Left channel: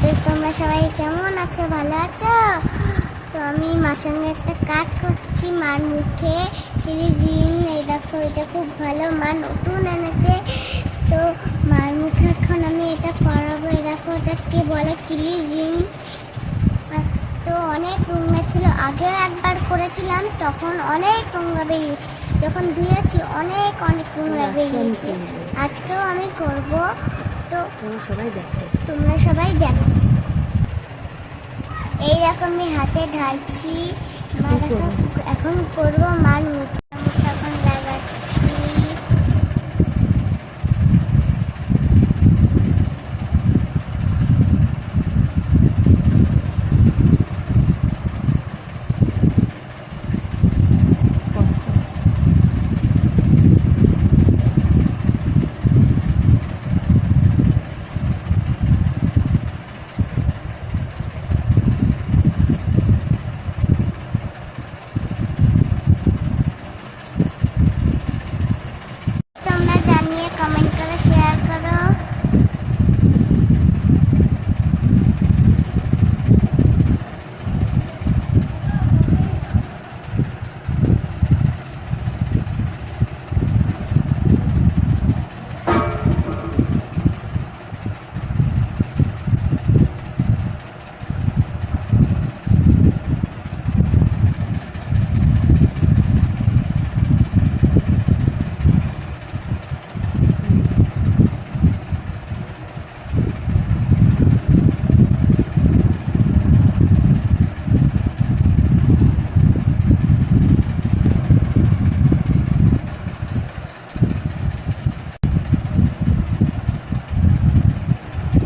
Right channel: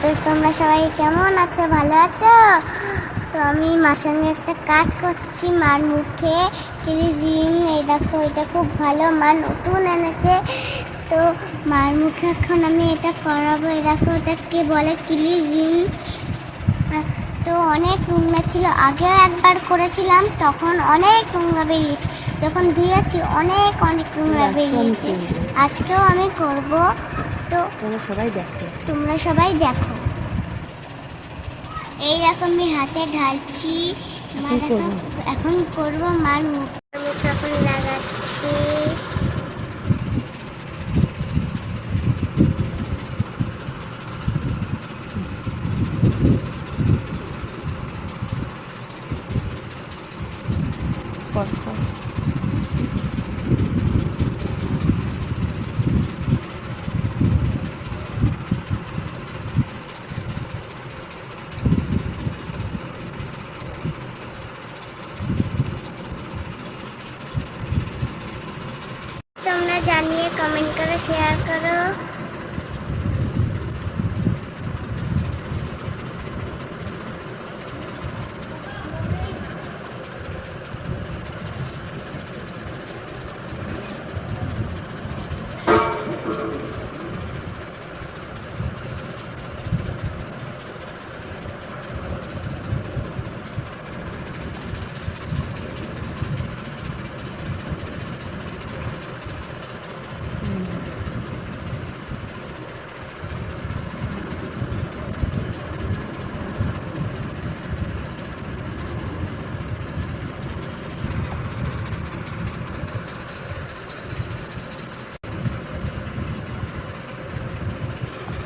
তো তোমরা সবাই কেমন আছো? ভালো আছো? তো আমি মার সঙ্গে একটা কাজ করছি। মার মুখে ক্লিজিং এই দেখো এটা খুব ভালো। মা নতুন এনেছে। তো মার মুখে এখন আমি এটা করাবো। এই দেখো ওটা কে বলে? ক্লিজিং তো অনেক নোংরা ছিল। আগেও একবার করেছিলাম তখন অনেক নোংরা বেরিয়েছে। যখন ধুয়েছি অনেক অনেক নোংরা বেরিয়েছে। আজকেও আমি করব। তো তোমরা সবাই দেখো। তোমরা সবাই দেখো। এই দেখো আমি হাতে ঢালছি। মা এখন করব মার মুখ। মুখ এখন লাগাচ্ছি কর কর। তোমরা জানিয়ে কমেন্ট করো শেয়ার করো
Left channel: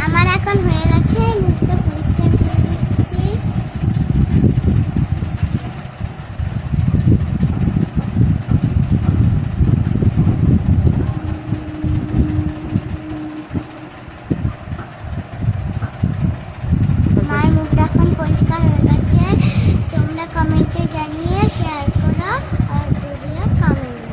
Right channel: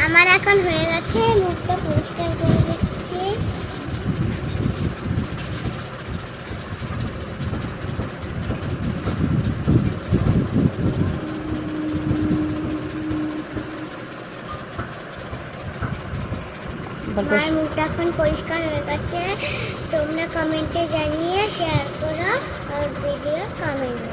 আমার এখন হয়ে গেছে মুখটা পরিষ্কার করে দিচ্ছি। মায়ের মুখটা এখন পরিষ্কার হয়ে গেছে। তোমরা কমেন্টে জানিয়ে শেয়ার করো আর ভিডিও কমেন্ট